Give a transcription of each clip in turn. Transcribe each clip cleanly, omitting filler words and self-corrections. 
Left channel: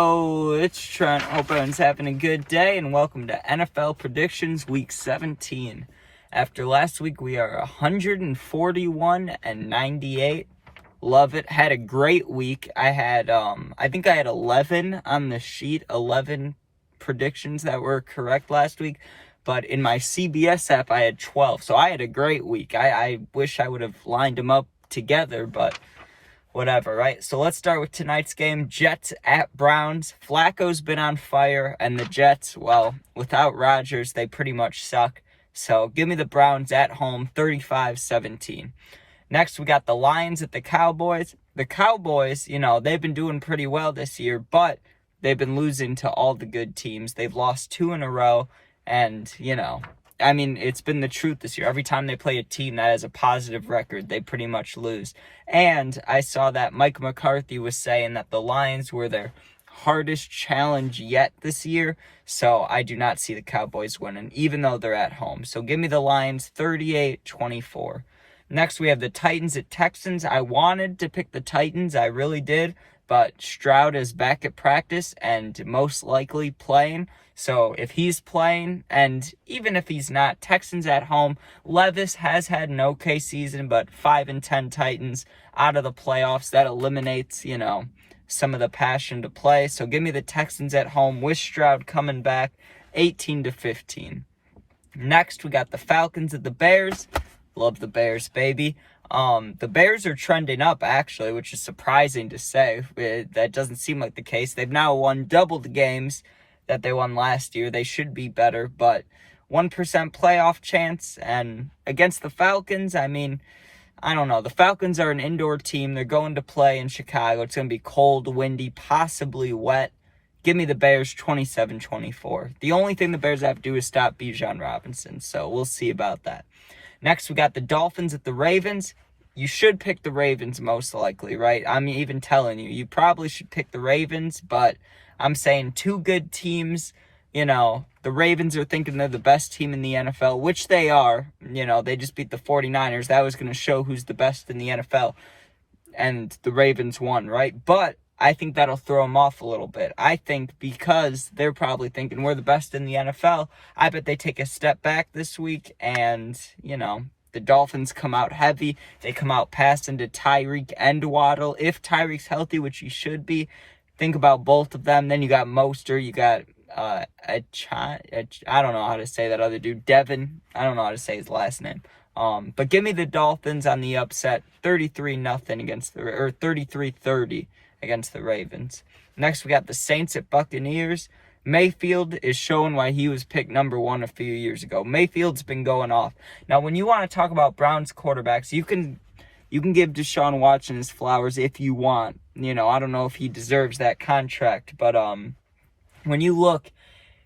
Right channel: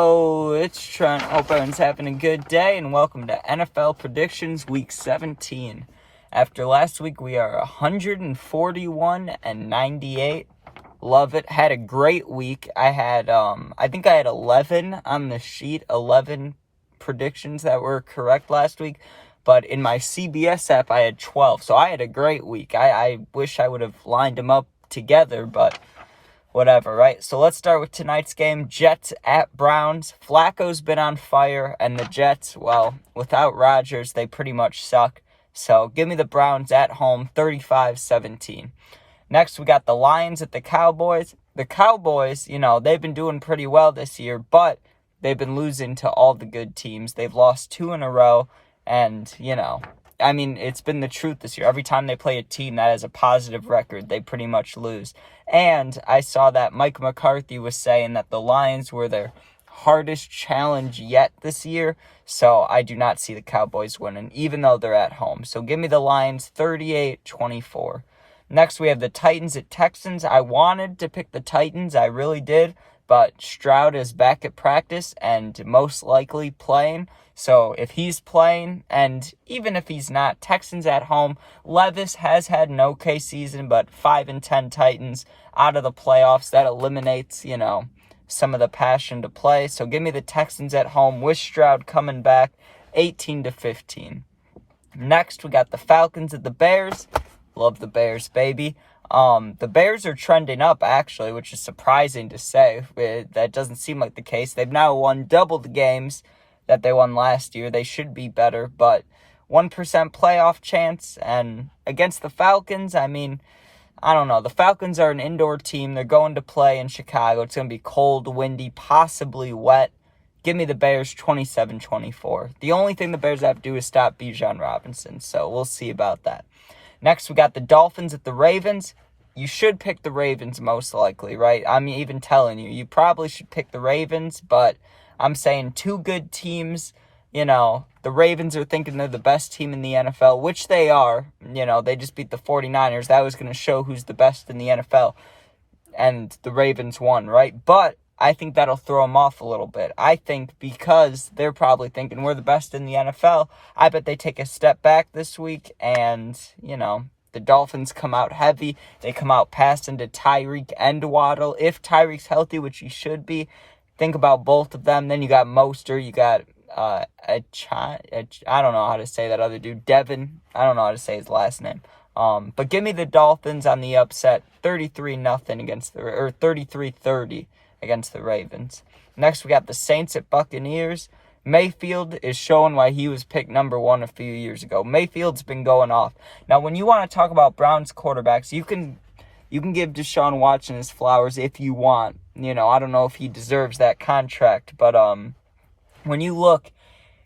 Oh, it's Trent. Hope everyone's having a good day, and welcome to NFL Predictions Week 17. After last week, we are 141-98. Love it. Had a great week. I think I had 11 on the sheet, 11 predictions that were correct last week. But in my CBS app, I had 12. So I had a great week. I wish I would have lined them up together, but whatever, right? So let's start with tonight's game. Jets at Browns. Flacco's been on fire, and the Jets, well, without Rodgers, they pretty much suck. So give me the Browns at home, 35-17. Next, we got the Lions at the Cowboys. The Cowboys, they've been doing pretty well this year, but they've been losing to all the good teams. They've lost 2 in a row, and, it's been the truth this year. Every time they play a team that has a positive record, they pretty much lose. And I saw that Mike McCarthy was saying that the Lions were their hardest challenge yet this year. So I do not see the Cowboys winning, even though they're at home. So give me the Lions 38-24. Next, we have the Titans at Texans. I wanted to pick the Titans. I really did. But Stroud is back at practice and most likely playing. So if he's playing, and even if he's not, Texans at home. Levis has had an okay season, but 5-10 Titans out of the playoffs. That eliminates, some of the passion to play. So give me the Texans at home with Stroud coming back, 18-15. Next, we got the Falcons at the Bears. Love the Bears, baby. The Bears are trending up, actually, which is surprising to say. That doesn't seem like the case. They've now won double the games that they won last year. They should be better, but 1% playoff chance. And against the Falcons, I don't know. The Falcons are an indoor team. They're going to play in Chicago. It's going to be cold, windy, possibly wet. Give me the Bears 27-24. The only thing the Bears have to do is stop Bijan Robinson, so we'll see about that. Next, we got the Dolphins at the Ravens. You should pick the Ravens most likely, right? I'm even telling you probably should pick the Ravens, but I'm saying 2 good teams. The Ravens are thinking they're the best team in the NFL, which they are. They just beat the 49ers. That was going to show who's the best in the NFL, and the Ravens won, right? But I think that'll throw them off a little bit. I think because they're probably thinking we're the best in the NFL, I bet they take a step back this week and, the Dolphins come out heavy. They come out passing to Tyreek and Waddle. If Tyreek's healthy, which he should be, think about both of them. Then you got Mostert, you got I don't know how to say that other dude, Devin. I don't know how to say his last name. But give me the Dolphins on the upset, 33-0 against or 33-30 against the Ravens. Next, we got the Saints at Buccaneers. Mayfield is showing why he was picked number 1 a few years ago. Mayfield's been going off. Now, when you want to talk about Browns quarterbacks, you can give Deshaun Watson his flowers if you want. I don't know if he deserves that contract, but when you look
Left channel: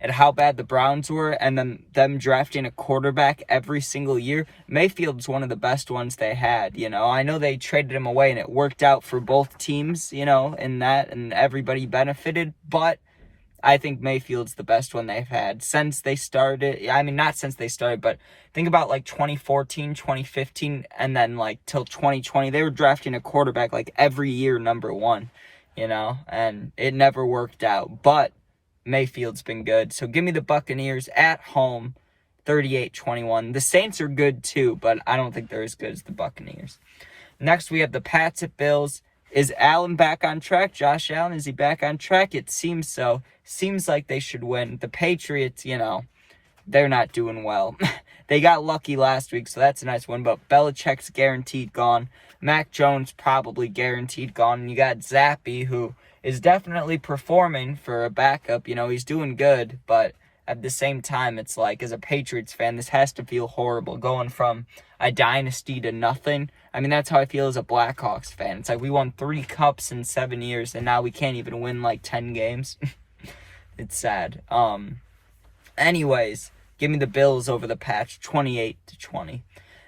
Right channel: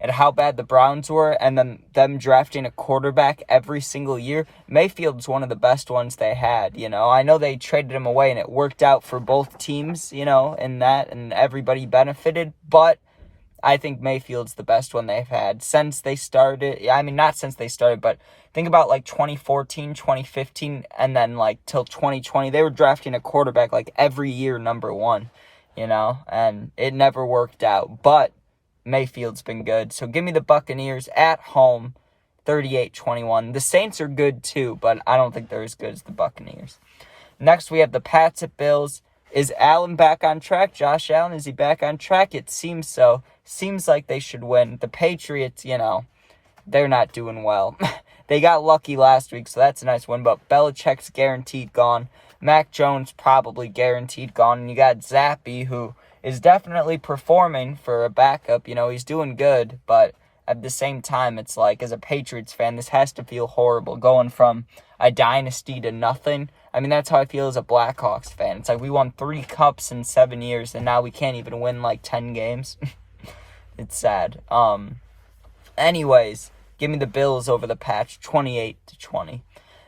at how bad the Browns were and then them drafting a quarterback every single year, Mayfield's one of the best ones they had. I know they traded him away and it worked out for both teams, in that, and everybody benefited, but I think Mayfield's the best one they've had since they started. Not since they started, but think about 2014, 2015, and then till 2020. They were drafting a quarterback every year, number 1, and it never worked out. But Mayfield's been good. So give me the Buccaneers at home, 38-21. The Saints are good too, but I don't think they're as good as the Buccaneers. Next, we have the Pats at Bills. Is Allen back on track? Josh Allen, is he back on track? It seems so. Seems like they should win. The Patriots, they're not doing well. They got lucky last week, so that's a nice win, but Belichick's guaranteed gone. Mac Jones probably guaranteed gone. And you got Zappy, who is definitely performing for a backup. He's doing good, but at the same time, it's as a Patriots fan, this has to feel horrible, going from a dynasty to nothing. That's how I feel as a Blackhawks fan. It's we won 3 cups in 7 years, and now we can't even win 10 games. It's sad. Anyways, give me the Bills over the Pats, 28-20.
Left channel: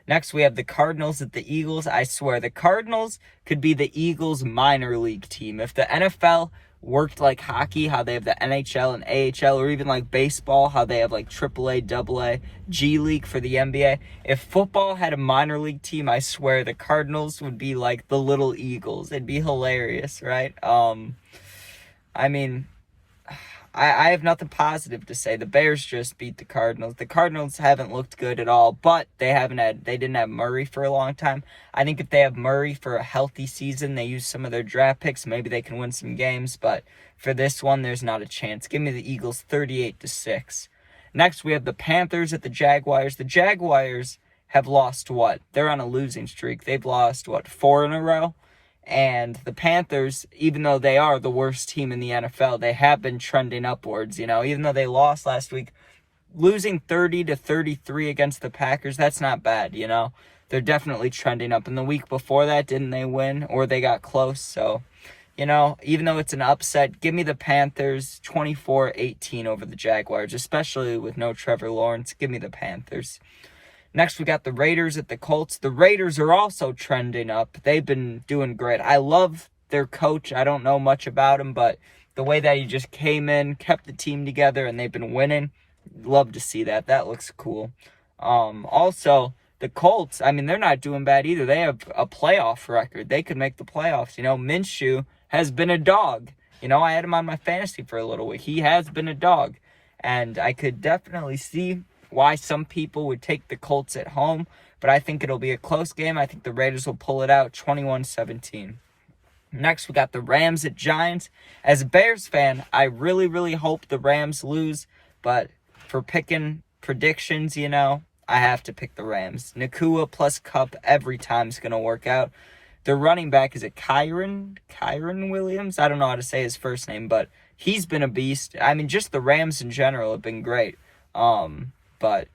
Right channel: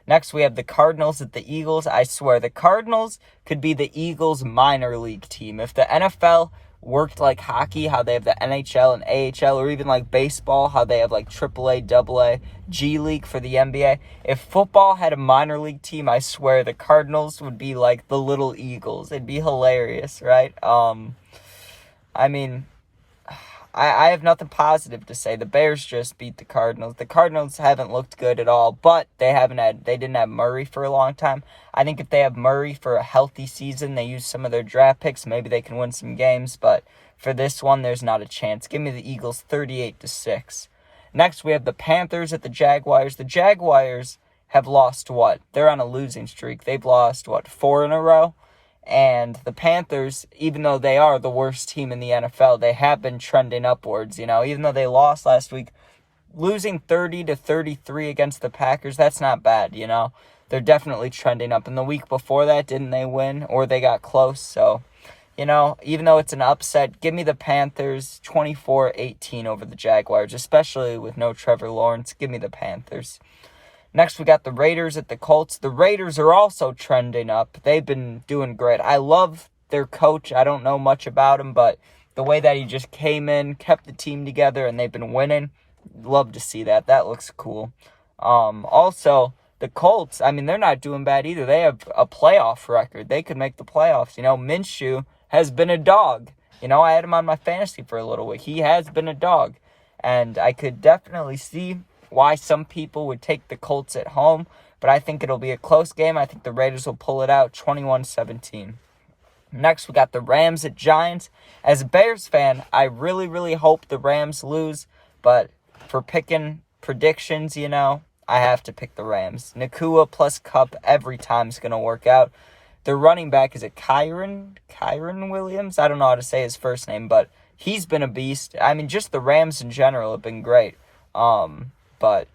Next, we have the Cardinals at the Eagles. I swear, the Cardinals could be the Eagles' minor league team. If the NFL worked like hockey, how they have the NHL and AHL, or even like baseball, how they have like AAA, AA, G League for the NBA. If football had a minor league team, I swear the Cardinals would be like the little Eagles. It'd be hilarious, right? I mean, I have nothing positive to say. The Bears just beat the Cardinals. The Cardinals haven't looked good at all, but they didn't have Murray for a long time. I think if they have Murray for a healthy season, they use some of their draft picks, maybe they can win some games, but for this one, there's not a chance. Give me the Eagles 38-6. Next, we have the Panthers at the Jaguars. The Jaguars have lost what? They're on a losing streak. They've lost, 4 in a row? And the Panthers, even though they are the worst team in the NFL, they have been trending upwards. Even though they lost last week, losing 30-33 against the Packers, that's not bad, They're definitely trending up. And the week before that, didn't they win? Or they got close. So, even though it's an upset, give me the Panthers 24-18 over the Jaguars, especially with no Trevor Lawrence. Give me the Panthers. Next, we got the Raiders at the Colts. The Raiders are also trending up. They've been doing great. I love their coach. I don't know much about him, but the way that he just came in, kept the team together, and they've been winning, love to see that. That looks cool. Also, the Colts, they're not doing bad either. They have a playoff record. They could make the playoffs. Minshew has been a dog. I had him on my fantasy for a little bit. He has been a dog. And I could definitely see why some people would take the Colts at home, but I think it'll be a close game. I think the Raiders will pull it out 21-17. Next, we got the Rams at Giants. As a Bears fan, I really, really hope the Rams lose, but for picking predictions, I have to pick the Rams. Nakua plus Kupp every time is going to work out. Their running back is Kyren Williams. I don't know how to say his first name, but he's been a beast. Just the Rams in general have been great. But,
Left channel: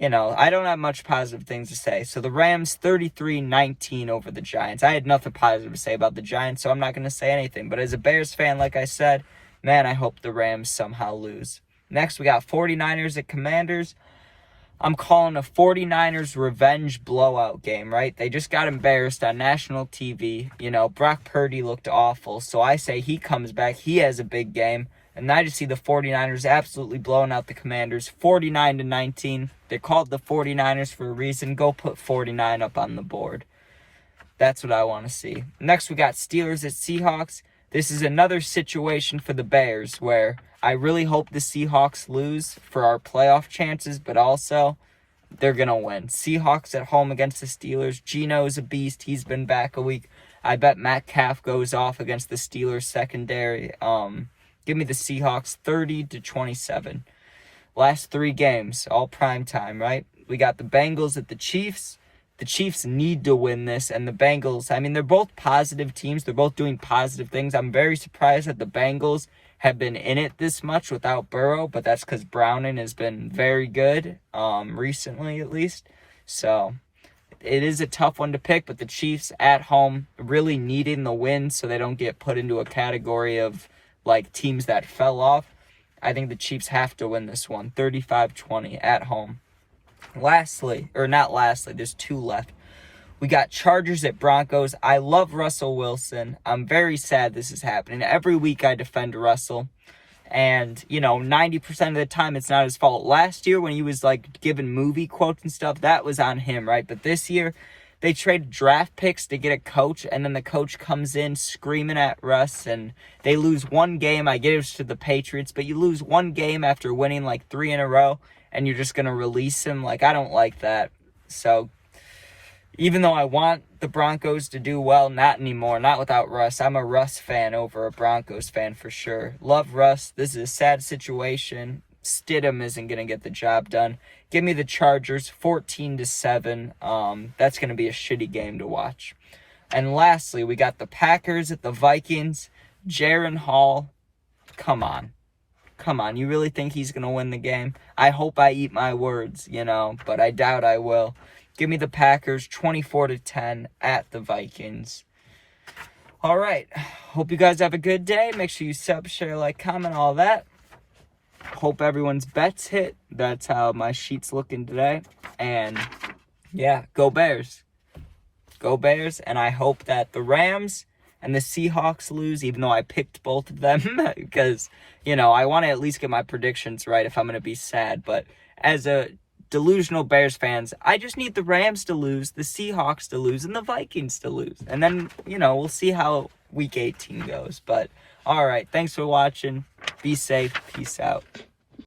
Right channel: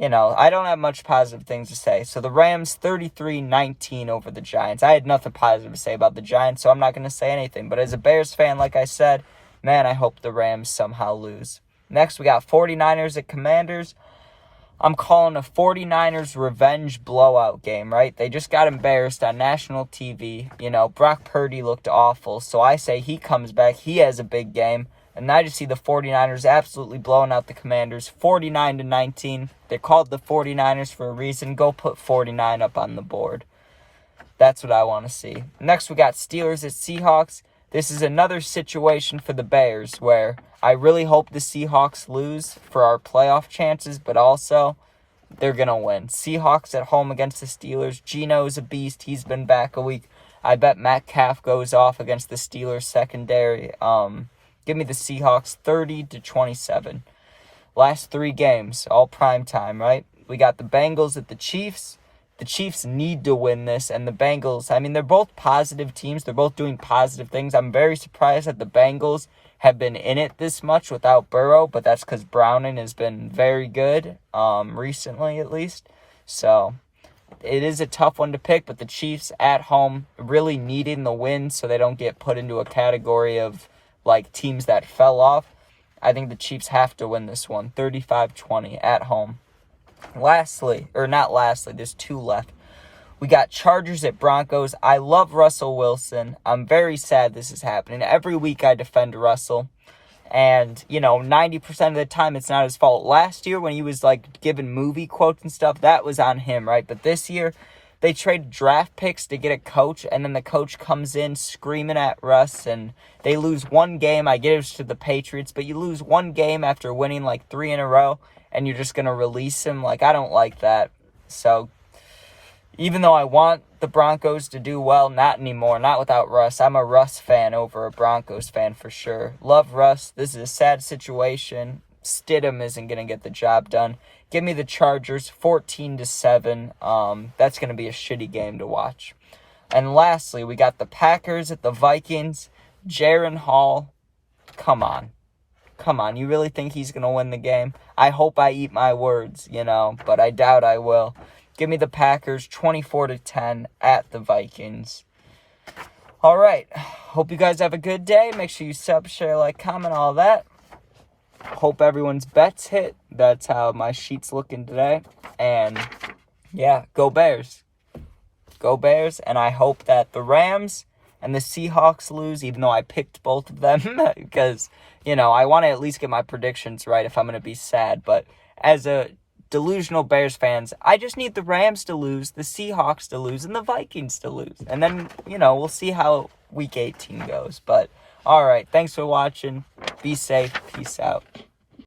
I don't have much positive things to say. So the Rams 33-19 over the Giants. I had nothing positive to say about the Giants, so I'm not going to say anything. But as a Bears fan, like I said, man, I hope the Rams somehow lose. Next, we got 49ers at Commanders. I'm calling a 49ers revenge blowout game, right? They just got embarrassed on national TV. Brock Purdy looked awful, so I say he comes back. He has a big game. And I just see the 49ers absolutely blowing out the Commanders 49-19. They're called the 49ers for a reason. Go put 49 up on the board. That's what I want to see. Next, we got Steelers at Seahawks. This is another situation for the Bears where I really hope the Seahawks lose for our playoff chances, but also they're going to win. Seahawks at home against the Steelers. Geno's a beast. He's been back a week. I bet Metcalf goes off against the Steelers secondary. Give me the Seahawks 30-27. Last 3 games, all prime time, right? We got the Bengals at the Chiefs. The Chiefs need to win this, and the Bengals, they're both positive teams. They're both doing positive things. I'm very surprised that the Bengals have been in it this much without Burrow, but that's because Browning has been very good, recently at least. So it is a tough one to pick, but the Chiefs at home really needing the win so they don't get put into a category of teams that fell off. I think the Chiefs have to win this one, 35-20 at home. There's 2 left. We got Chargers at Broncos. I love Russell Wilson. I'm very sad this is happening. Every week I defend Russell. And, 90% of the time it's not his fault. Last year when he was, giving movie quotes and stuff, that was on him, right? But this year, they trade draft picks to get a coach, and then the coach comes in screaming at Russ, and they lose one game. I give it to the Patriots, but you lose one game after winning 3 in a row, and you're just going to release him. I don't like that. So even though I want the Broncos to do well, not anymore, not without Russ. I'm a Russ fan over a Broncos fan for sure. Love Russ. This is a sad situation. Stidham isn't going to get the job done. Give me the Chargers 14-7. That's going to be a shitty game to watch. And lastly, we got the Packers at the Vikings. Jaren Hall, come on. You really think he's going to win the game? I hope I eat my words, but I doubt I will. Give me the Packers 24-10 at the Vikings. All right. Hope you guys have a good day. Make sure you sub, share, like, comment, all that. Hope everyone's bets hit. That's how my sheet's looking today. And, yeah, go Bears. Go Bears. And I hope that the Rams and the Seahawks lose, even though I picked both of them. Because, I want to at least get my predictions right if I'm going to be sad. But as a delusional Bears fans, I just need the Rams to lose, the Seahawks to lose, and the Vikings to lose. And then, we'll see how Week 18 goes. But All right. Thanks for watching. Be safe. Peace out.